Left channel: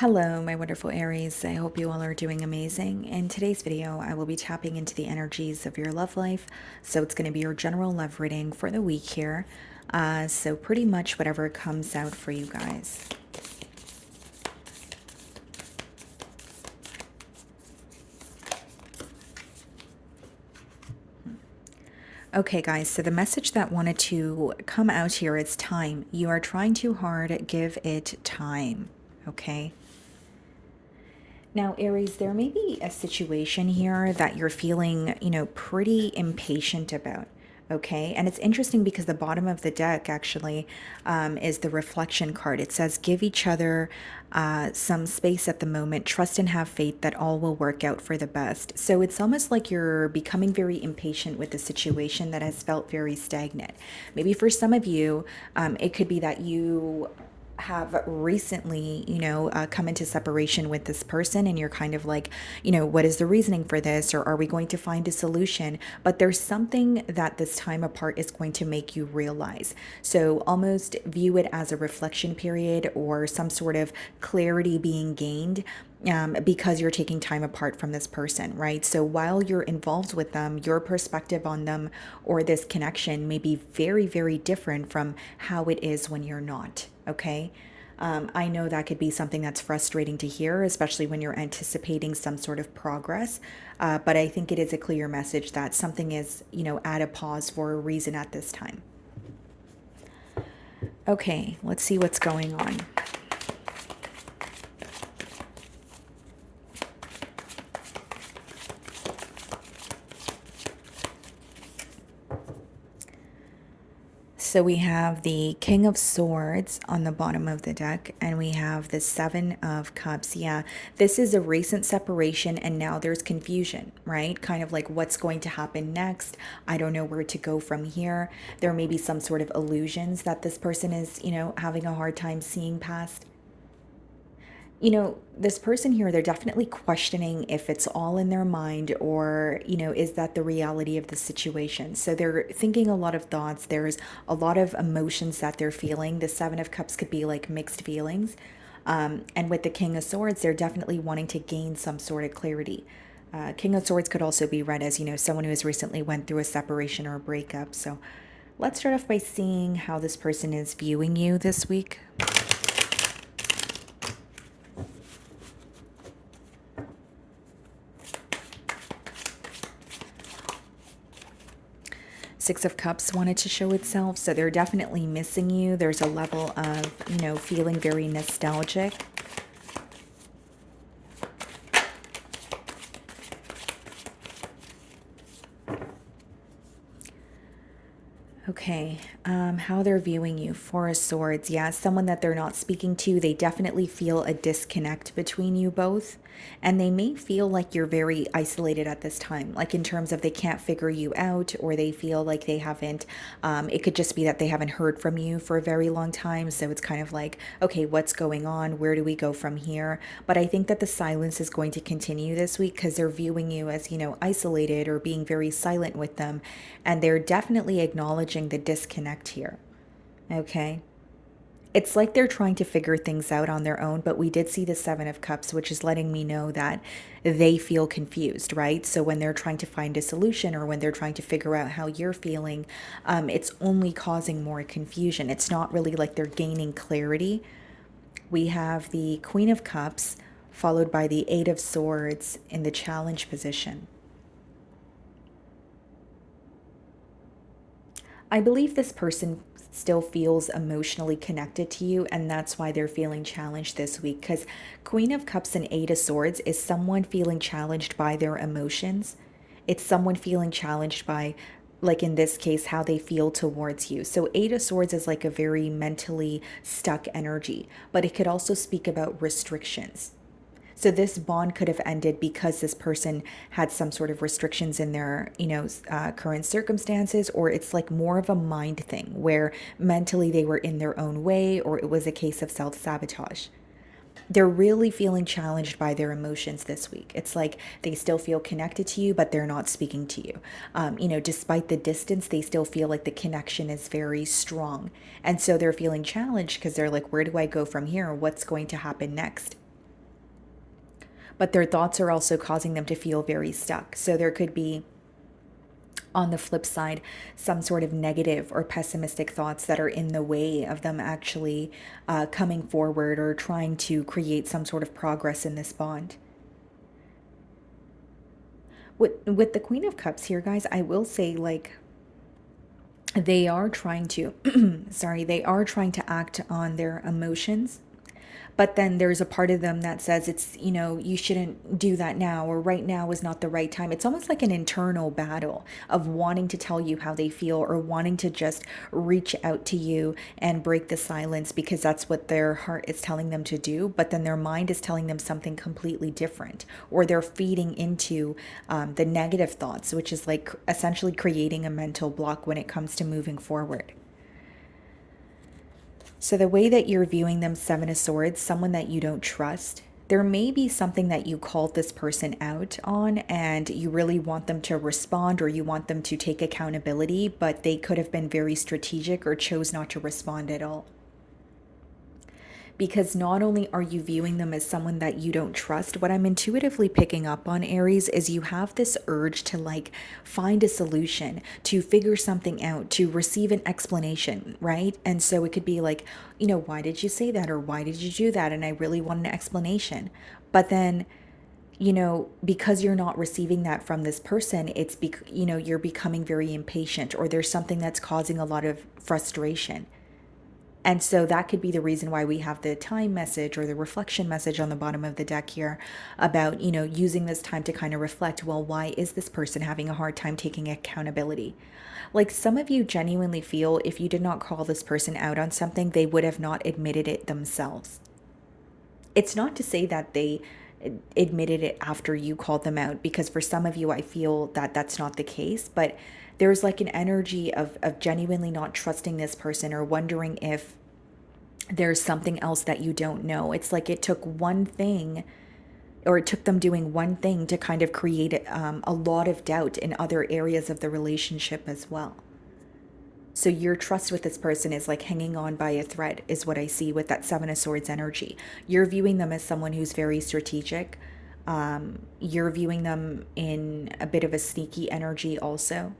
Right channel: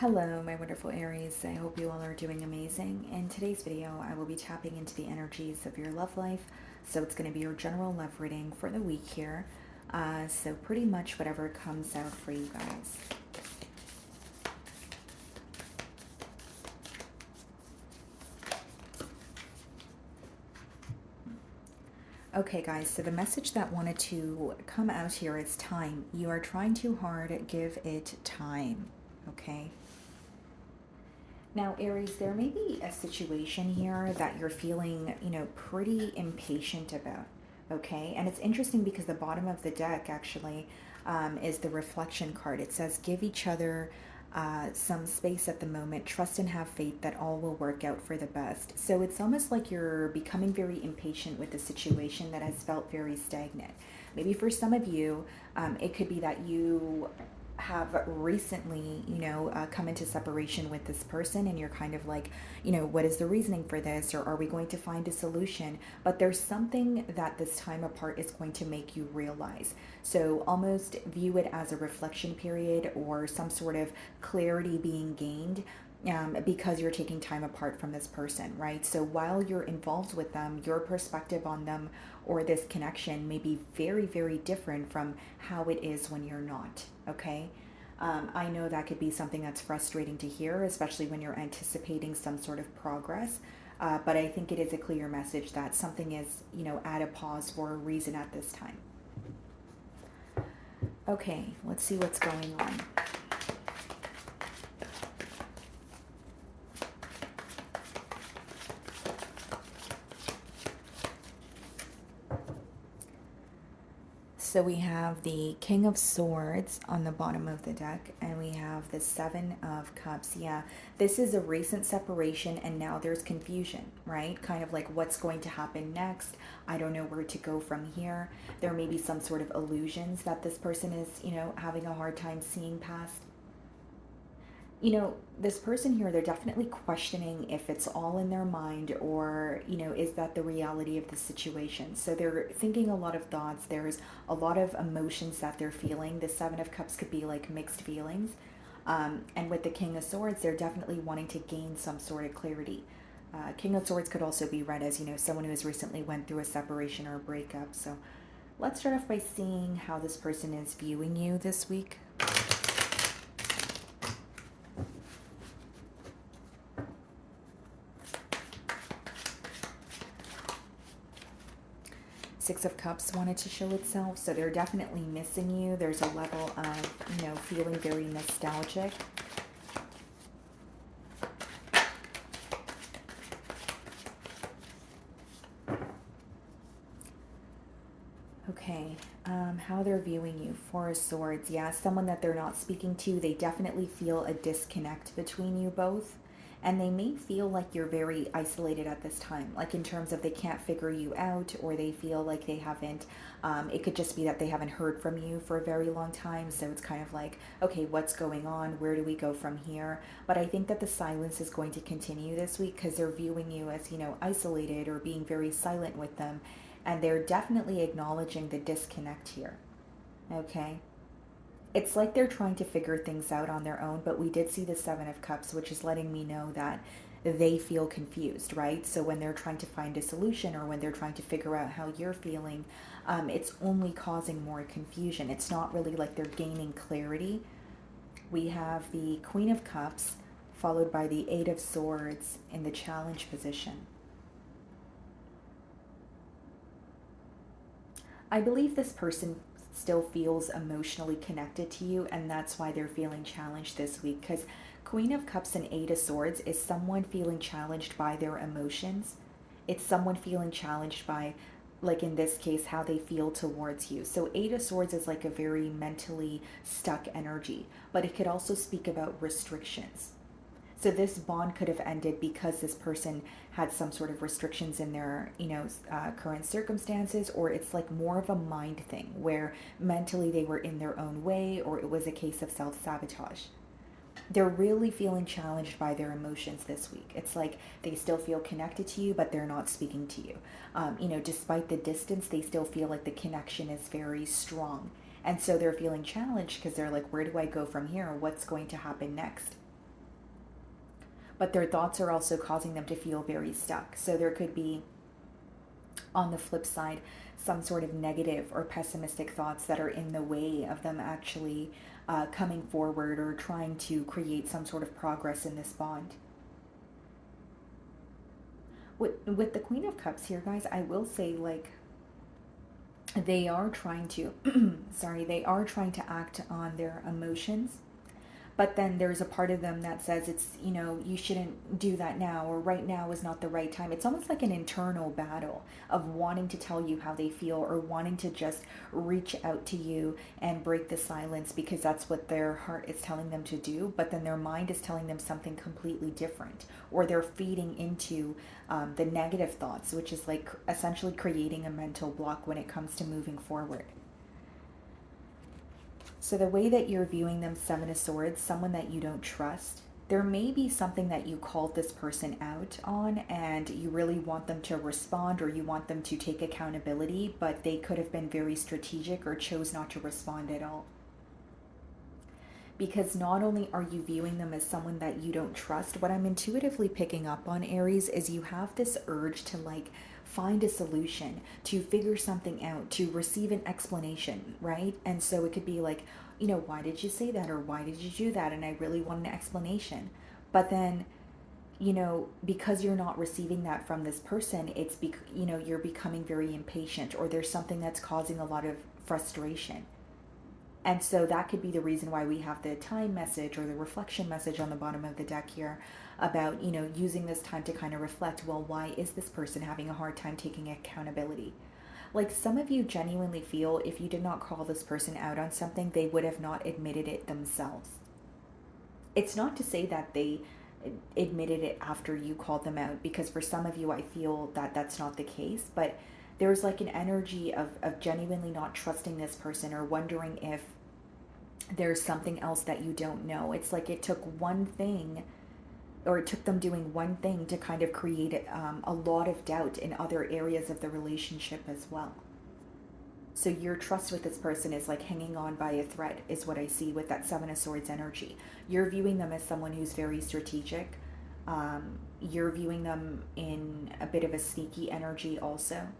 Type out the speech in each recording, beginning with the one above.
Hello, my wonderful Aries. I hope you all are doing amazing. In today's video, I will be tapping into the energies of your love life. So it's going to be your general love reading for the week here. So pretty much whatever comes out for you guys. Okay, guys, so the message that wanted to come out here is time. You are trying too hard, give it time. Okay. Now, Aries, there may be a situation here that you're feeling, pretty impatient about. Okay. And it's interesting because the bottom of the deck actually is the reflection card. It says, give each other some space at the moment, trust and have faith that all will work out for the best. So it's almost like you're becoming very impatient with the situation that has felt very stagnant. Maybe for some of you, it could be that you have recently, come into separation with this person and you're kind of like, what is the reasoning for this? Or are we going to find a solution? But there's something that this time apart is going to make you realize. So almost view it as a reflection period or some sort of clarity being gained. Because you're taking time apart from this person, right? So while you're involved with them, your perspective on them or this connection may be very, very different from how it is when you're not, okay? I know that could be something that's frustrating to hear, especially when you're anticipating some sort of progress. But I think it is a clear message that something is, at a pause for a reason at this time. Okay, let's see what's going on. So we have the King of Swords on the bottom of the deck, and we have the Seven of Cups. Yeah, this is a recent separation, and now there's confusion, right? Kind of like what's going to happen next. I don't know where to go from here. There may be some sort of illusions that this person is, having a hard time seeing past. This person here, they're definitely questioning if it's all in their mind or, is that the reality of the situation? So they're thinking a lot of thoughts. There's a lot of emotions that they're feeling. The Seven of Cups could be like mixed feelings. And with the King of Swords, they're definitely wanting to gain some sort of clarity. King of Swords could also be read as, someone who has recently went through a separation or a breakup. So let's start off by seeing how this person is viewing you this week. Six of Cups wanted to show itself, so they're definitely missing you. There's a level of, feeling very nostalgic. Okay, how they're viewing you. Four of Swords. Yeah, someone that they're not speaking to. They definitely feel a disconnect between you both. And they may feel like you're very isolated at this time, like in terms of they can't figure you out or they feel like they haven't. It could just be that they haven't heard from you for a very long time. So it's kind of like, okay, what's going on? Where do we go from here? But I think that the silence is going to continue this week because they're viewing you as, isolated or being very silent with them. And they're definitely acknowledging the disconnect here. Okay. It's like they're trying to figure things out on their own, but we did see the Seven of Cups, which is letting me know that they feel confused, right? So when they're trying to find a solution or when they're trying to figure out how you're feeling, it's only causing more confusion. It's not really like they're gaining clarity. We have the Queen of Cups followed by the Eight of Swords in the challenge position. I believe this person still feels emotionally connected to you, and that's why they're feeling challenged this week. Because Queen of Cups and Eight of Swords is someone feeling challenged by their emotions. It's someone feeling challenged by, like in this case, how they feel towards you. So, Eight of Swords is like a very mentally stuck energy, but it could also speak about restrictions. So this bond could have ended because this person had some sort of restrictions in their, current circumstances, or it's like more of a mind thing where mentally they were in their own way, or it was a case of self-sabotage. They're really feeling challenged by their emotions this week. It's like they still feel connected to you, but they're not speaking to you. Despite the distance, they still feel like the connection is very strong. And so they're feeling challenged because they're like, where do I go from here? What's going to happen next? but their thoughts are also causing them to feel very stuck. So there could be, on the flip side, some sort of negative or pessimistic thoughts that are in the way of them actually coming forward or trying to create some sort of progress in this bond. With the Queen of Cups here, guys, I will say, like, they are trying to, sorry, they are trying to act on their emotions, but then there's a part of them that says it's, you shouldn't do that now, or right now is not the right time. It's almost like an internal battle of wanting to tell you how they feel, or wanting to just reach out to you and break the silence because that's what their heart is telling them to do, but then their mind is telling them something completely different, or they're feeding into the negative thoughts, which is like essentially creating a mental block when it comes to moving forward. So, the way that you're viewing them, Seven of Swords, someone that you don't trust, there may be something that you called this person out on and you really want them to respond, or you want them to take accountability, but they could have been very strategic or chose not to respond at all. Because not only are you viewing them as someone that you don't trust, what I'm intuitively picking up on, Aries, is you have this urge to like find a solution, to figure something out, to receive an explanation, right? And so it could be like, why did you say that, or why did you do that? And I really want an explanation. But then, because you're not receiving that from this person, you're becoming very impatient, or there's something that's causing a lot of frustration. And so that could be the reason why we have the time message or the reflection message on the bottom of the deck here about, using this time to kind of reflect, well, why is this person having a hard time taking accountability? Like, some of you genuinely feel if you did not call this person out on something, they would have not admitted it themselves. It's not to say that they admitted it after you called them out, because for some of you, I feel that that's not the case, but there's like an energy of genuinely not trusting this person, or wondering if there's something else that you don't know. It's like it took one thing, or it took them doing one thing to kind of create a lot of doubt in other areas of the relationship as well. So your trust with this person is like hanging on by a thread, is what I see with that Seven of Swords energy. You're viewing them as someone who's very strategic. You're viewing them in a bit of a sneaky energy also.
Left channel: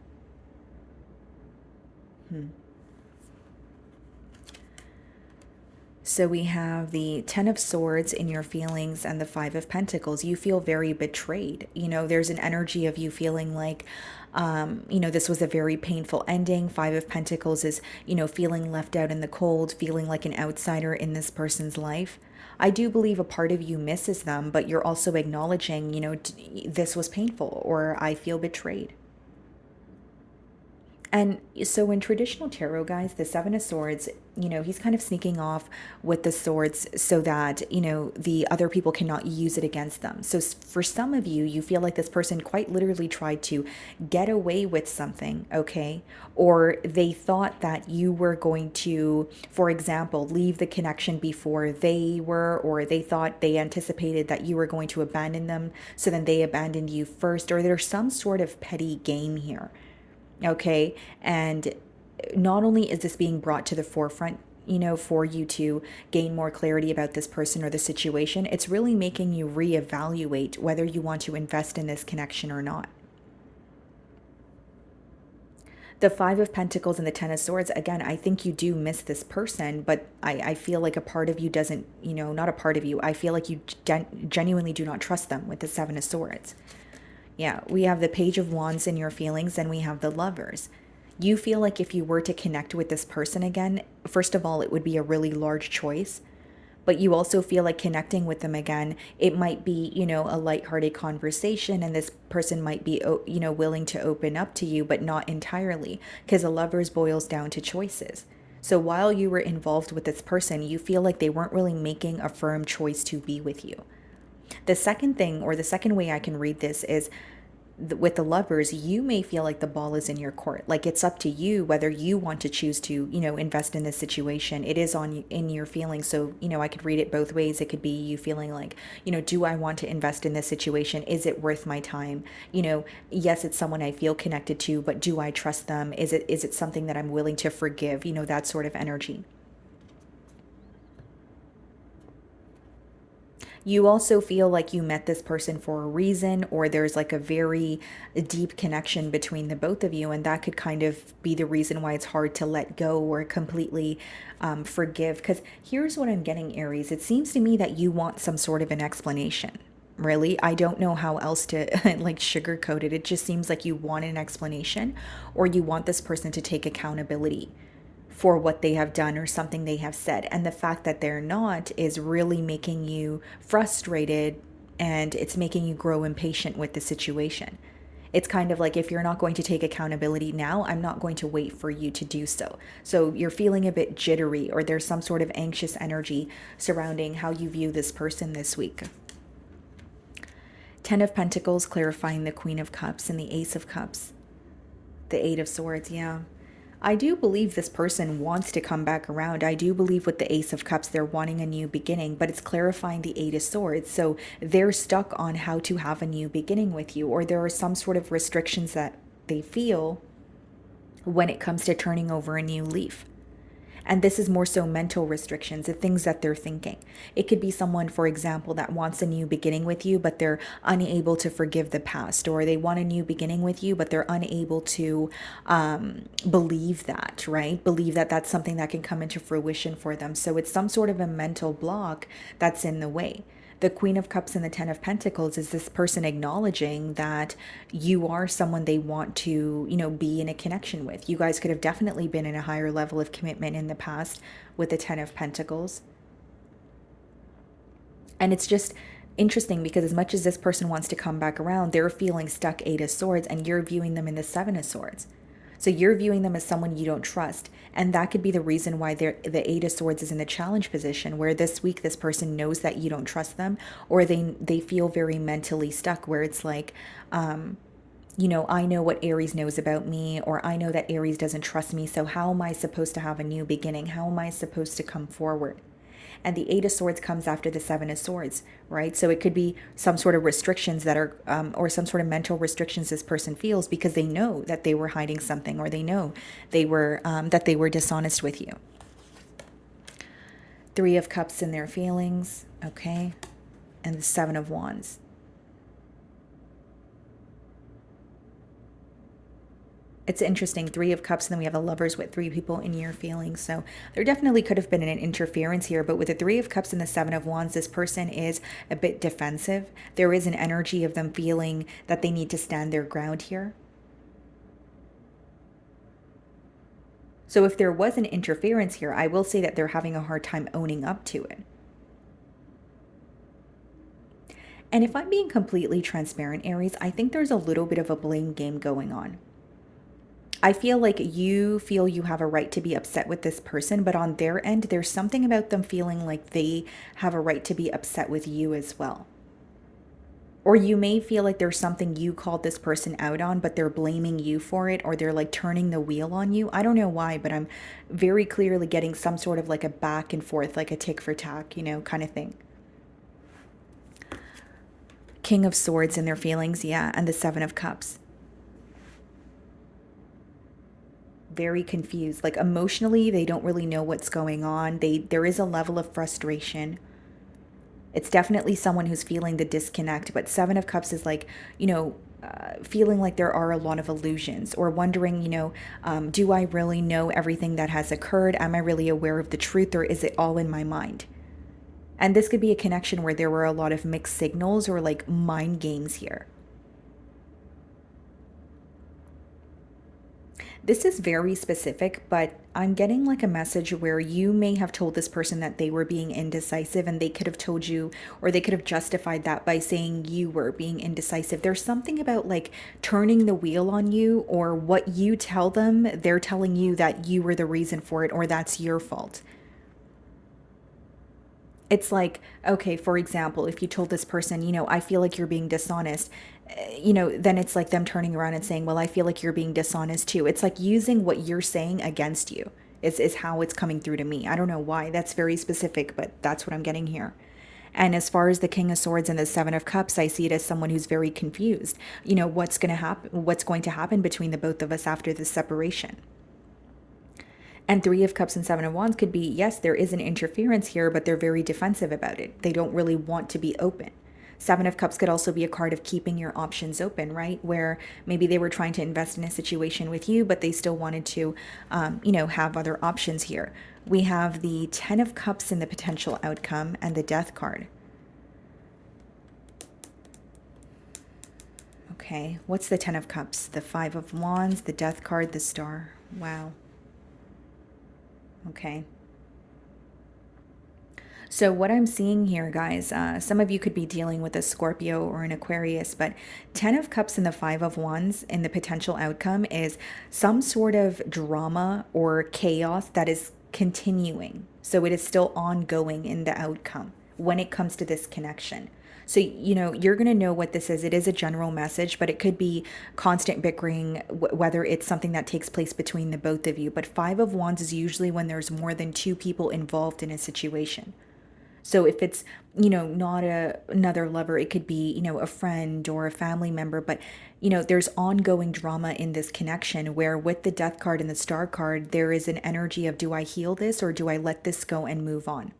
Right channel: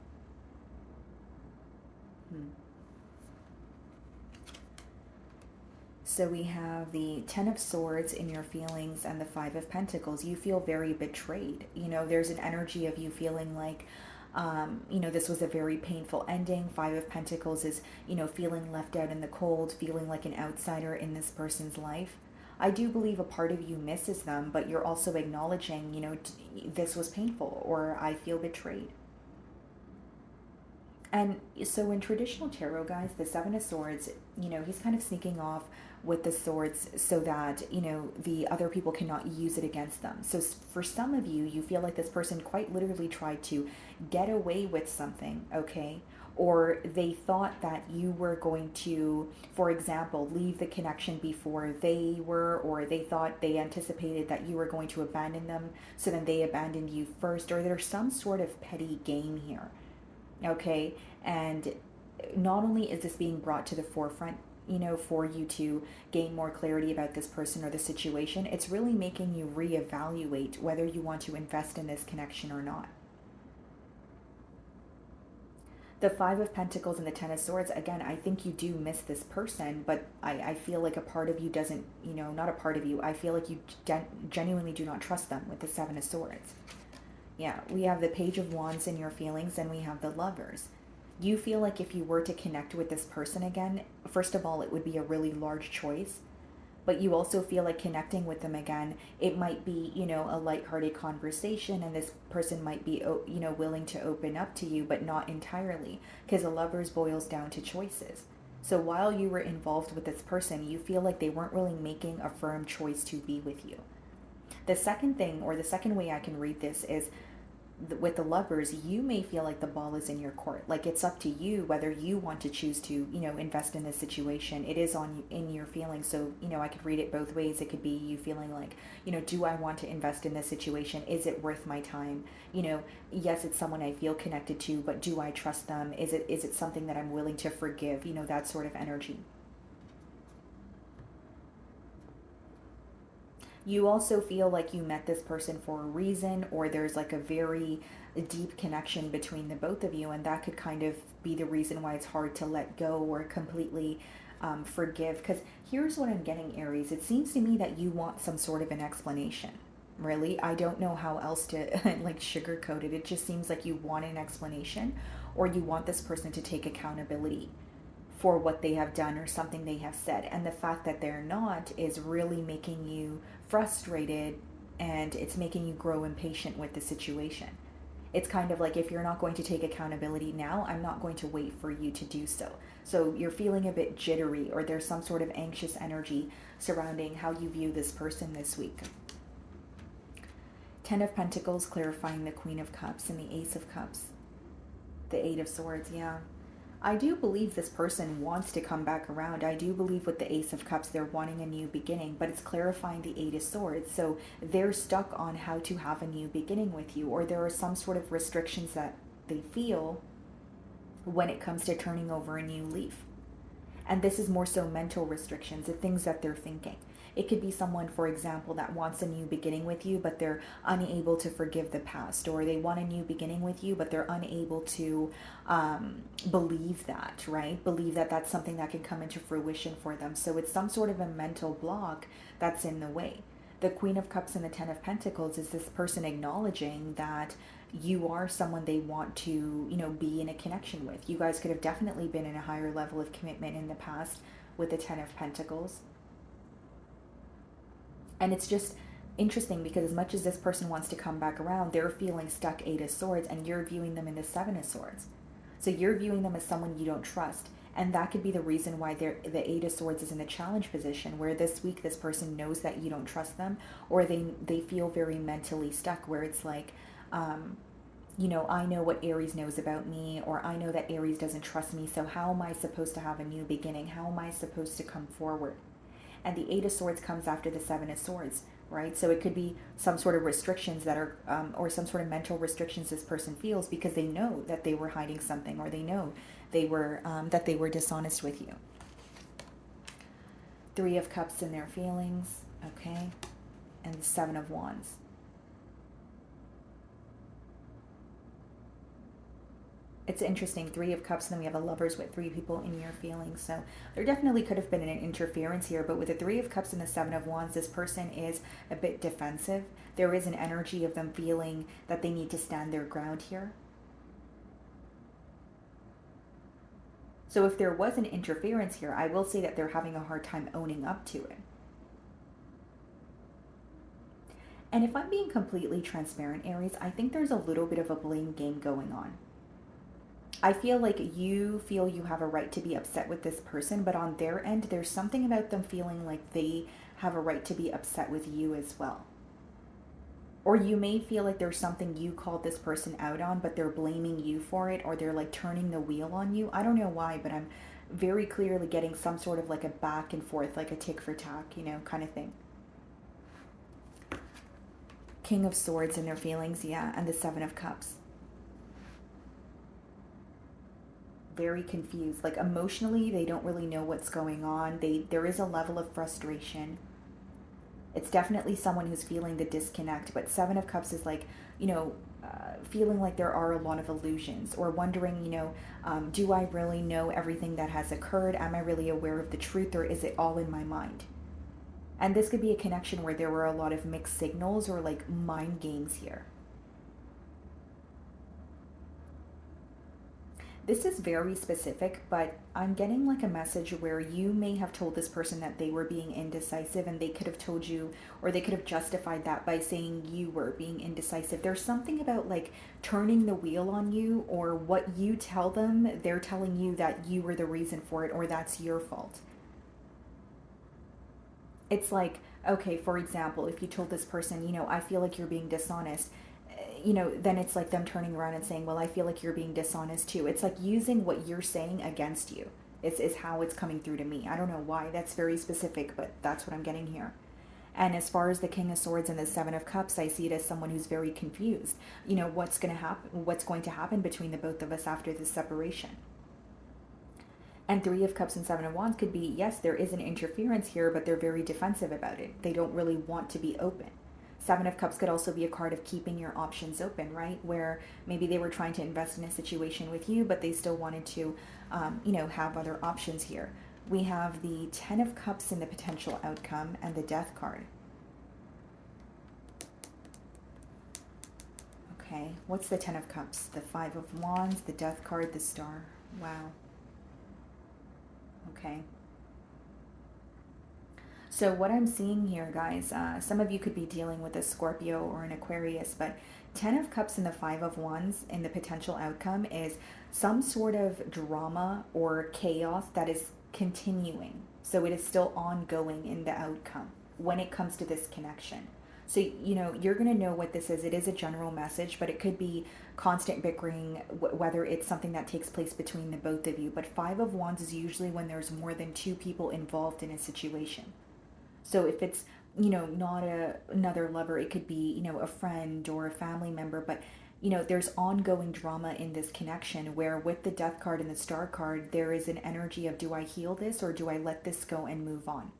So we have the Ten of Swords in your feelings and the Five of Pentacles. You feel very betrayed. There's an energy of you feeling like, this was a very painful ending. Five of Pentacles is, feeling left out in the cold, feeling like an outsider in this person's life. I do believe a part of you misses them, but you're also acknowledging, this was painful, or I feel betrayed. And so in traditional tarot, guys, the Seven of Swords, he's kind of sneaking off with the swords so that, the other people cannot use it against them. So for some of you, you feel like this person quite literally tried to get away with something, okay? Or they thought that you were going to, for example, leave the connection before they were, or they anticipated that you were going to abandon them. So then they abandoned you first, or there's some sort of petty game here. Okay. And not only is this being brought to the forefront, for you to gain more clarity about this person or the situation, it's really making you reevaluate whether you want to invest in this connection or not. The Five of Pentacles and the Ten of Swords, again, I think you do miss this person, but I feel like a part of you doesn't, not a part of you. I feel like you genuinely do not trust them with the Seven of Swords. Yeah, we have the Page of Wands in your feelings, and we have the Lovers. You feel like if you were to connect with this person again, first of all, it would be a really large choice. But you also feel like connecting with them again, it might be, a lighthearted conversation, and this person might be, willing to open up to you, but not entirely, because the Lovers boils down to choices. So while you were involved with this person, you feel like they weren't really making a firm choice to be with you. The second thing, or the second way I can read this, is with the Lovers, you may feel like the ball is in your court. Like, it's up to you whether you want to choose to, invest in this situation. It is in your feelings. So, I could read it both ways. It could be you feeling like, do I want to invest in this situation? Is it worth my time? Yes, it's someone I feel connected to, but do I trust them? Is it something that I'm willing to forgive? That sort of energy. You also feel like you met this person for a reason, or there's like a very deep connection between the both of you, and that could kind of be the reason why it's hard to let go or completely forgive. Because here's what I'm getting, Aries. It seems to me that you want some sort of an explanation. Really, I don't know how else to like sugarcoat it. It just seems like you want an explanation, or you want this person to take accountability for what they have done or something they have said. And the fact that they're not is really making you frustrated, and it's making you grow impatient with the situation. It's kind of like, if you're not going to take accountability now, I'm not going to wait for you to do so. So you're feeling a bit jittery, or there's some sort of anxious energy surrounding how you view this person this week. Ten of Pentacles clarifying the Queen of Cups and the Ace of Cups. The Eight of Swords, yeah. I do believe this person wants to come back around. I do believe with the Ace of Cups, they're wanting a new beginning, but it's clarifying the Eight of Swords. So they're stuck on how to have a new beginning with you, or there are some sort of restrictions that they feel when it comes to turning over a new leaf. And this is more so mental restrictions, the things that they're thinking. It could be someone, for example, that wants a new beginning with you, but they're unable to forgive the past, or they want a new beginning with you, but they're unable to believe that, right? Believe that that's something that can come into fruition for them. So it's some sort of a mental block that's in the way. The Queen of Cups and the Ten of Pentacles is this person acknowledging that you are someone they want to, be in a connection with. You guys could have definitely been in a higher level of commitment in the past with the Ten of Pentacles. And it's just interesting because as much as this person wants to come back around, they're feeling stuck Eight of Swords, and you're viewing them in the Seven of Swords. So you're viewing them as someone you don't trust. And that could be the reason why the Eight of Swords is in the challenge position, where this week this person knows that you don't trust them, or they feel very mentally stuck, where it's like, I know what Aries knows about me, or I know that Aries doesn't trust me. So how am I supposed to have a new beginning? How am I supposed to come forward? And the Eight of Swords comes after the Seven of Swords, right? So it could be some sort of restrictions that are, or some sort of mental restrictions this person feels because they know that they were hiding something, or they know that they were dishonest with you. Three of Cups in their feelings, okay? And the Seven of Wands. It's interesting, Three of Cups, and then we have a Lovers with three people in your feelings. So there definitely could have been an interference here, but with the Three of Cups and the Seven of Wands, this person is a bit defensive. There is an energy of them feeling that they need to stand their ground here. So if there was an interference here, I will say that they're having a hard time owning up to it. And if I'm being completely transparent, Aries, I think there's a little bit of a blame game going on. I feel like you feel you have a right to be upset with this person, but on their end, there's something about them feeling like they have a right to be upset with you as well. Or you may feel like there's something you called this person out on, but they're blaming you for it, or they're like turning the wheel on you. I don't know why, but I'm very clearly getting some sort of like a back and forth, like a tick for tack, kind of thing. King of Swords in their feelings, yeah, and the Seven of Cups. Very confused, like emotionally they don't really know what's going on. There is a level of frustration. It's definitely someone who's feeling the disconnect, but Seven of Cups is like, feeling like there are a lot of illusions, or wondering, do I really know everything that has occurred? Am I really aware of the truth, or is it all in my mind? And this could be a connection where there were a lot of mixed signals, or like mind games here. This is very specific, but I'm getting like a message where you may have told this person that they were being indecisive, and they could have told you, or they could have justified that by saying you were being indecisive. There's something about like turning the wheel on you, or what you tell them, they're telling you that you were the reason for it, or that's your fault. It's like, okay, for example, if you told this person, I feel like you're being dishonest, then it's like them turning around and saying, well, I feel like you're being dishonest too. It's like using what you're saying against you is how it's coming through to me. I don't know why. That's very specific, but that's what I'm getting here. And as far as the King of Swords and the Seven of Cups, I see it as someone who's very confused. What's going to happen between the both of us after this separation. And Three of Cups and Seven of Wands could be, yes, there is an interference here, but they're very defensive about it. They don't really want to be open. Seven of Cups could also be a card of keeping your options open, right? Where maybe they were trying to invest in a situation with you, but they still wanted to, have other options here. We have the Ten of Cups in the potential outcome and the Death card. Okay, what's the Ten of Cups? The Five of Wands, the Death card, the Star. Wow. Okay. So what I'm seeing here, guys, some of you could be dealing with a Scorpio or an Aquarius, but Ten of Cups and the Five of Wands in the potential outcome is some sort of drama or chaos that is continuing. So it is still ongoing in the outcome when it comes to this connection. So, you're going to know what this is. It is a general message, but it could be constant bickering, whether it's something that takes place between the both of you. But Five of Wands is usually when there's more than two people involved in a situation. So if it's, not another lover, it could be, a friend or a family member, but there's ongoing drama in this connection where with the Death card and the Star card, there is an energy of, do I heal this or do I let this go and move on?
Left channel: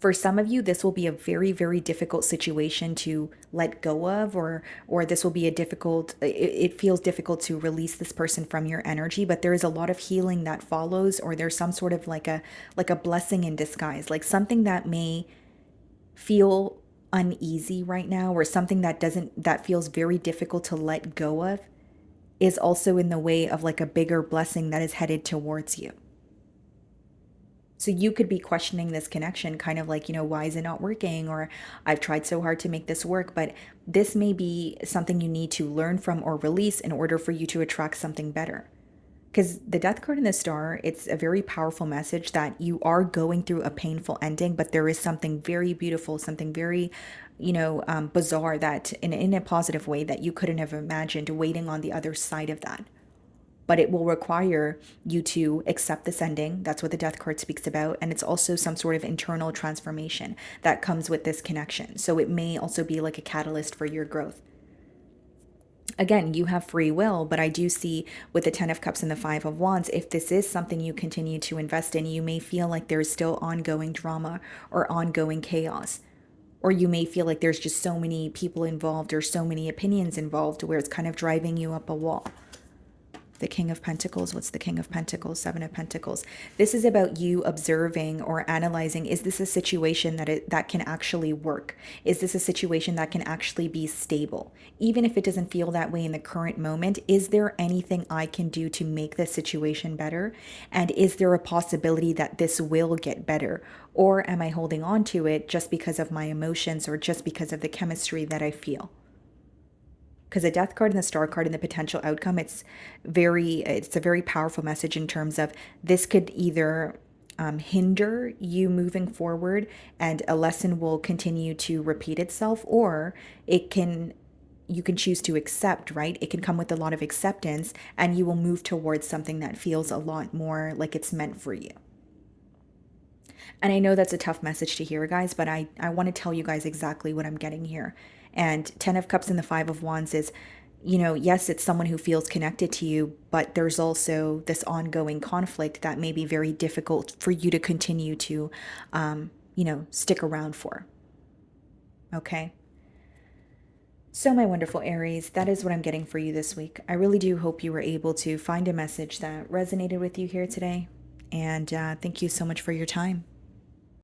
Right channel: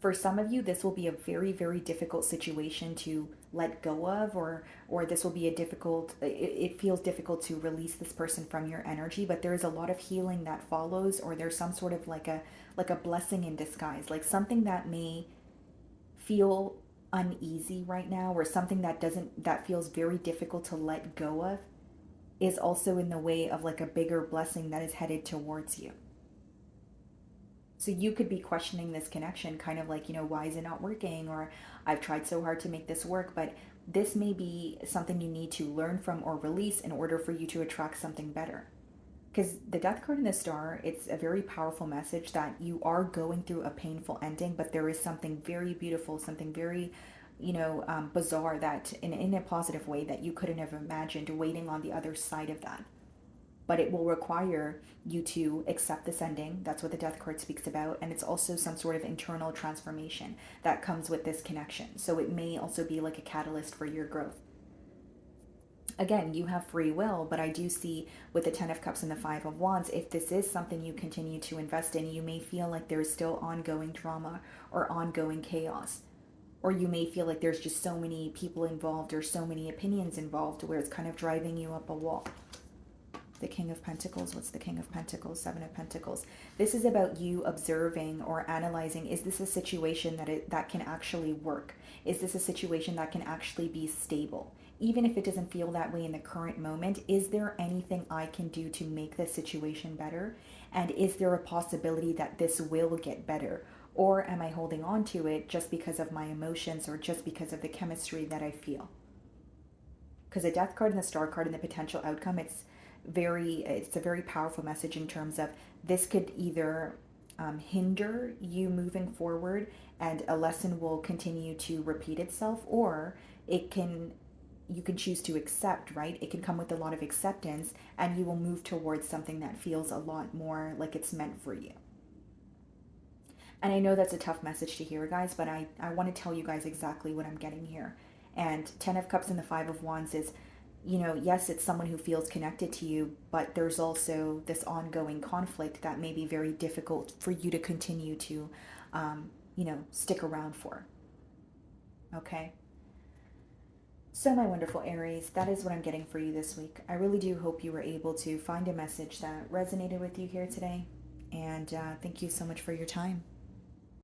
For some of you, this will be a very, very difficult situation to let go of, or this will be it feels difficult to release this person from your energy, but there is a lot of healing that follows, or there's some sort of like a blessing in disguise, like something that may feel uneasy right now, or something that feels very difficult to let go of, is also in the way of like a bigger blessing that is headed towards you. So you could be questioning this connection, kind of like, why is it not working? Or I've tried so hard to make this work, but this may be something you need to learn from or release in order for you to attract something better. Because the Death card and the Star, it's a very powerful message that you are going through a painful ending, but there is something very beautiful, something very, bizarre, that in a positive way, that you couldn't have imagined waiting on the other side of that. But it will require you to accept this ending. That's what the Death card speaks about. And it's also some sort of internal transformation that comes with this connection. So it may also be like a catalyst for your growth. Again, you have free will, but I do see with the Ten of Cups and the Five of Wands, if this is something you continue to invest in, you may feel like there's still ongoing drama or ongoing chaos. Or you may feel like there's just so many people involved or so many opinions involved where it's kind of driving you up a wall. The King of Pentacles. What's the King of Pentacles? Seven of Pentacles. This is about you observing or analyzing, is this a situation that can actually work? Is this a situation that can actually be stable? Even if it doesn't feel that way in the current moment, is there anything I can do to make this situation better? And is there a possibility that this will get better? Or am I holding on to it just because of my emotions or just because of the chemistry that I feel? Because the Death card and the Star card and the potential outcome, it's a very powerful message in terms of this could either hinder you moving forward and a lesson will continue to repeat itself, or you can choose to accept, right? It can come with a lot of acceptance and you will move towards something that feels a lot more like it's meant for you. And I know that's a tough message to hear, guys, but I want to tell you guys exactly what I'm getting here. And Ten of Cups and the Five of Wands is, yes, it's someone who feels connected to you, but there's also this ongoing conflict that may be very difficult for you to continue to, stick around for. Okay. So, my wonderful Aries, that is what I'm getting for you this week. I really do hope you were able to find a message that resonated with you here today. And thank you so much for your time.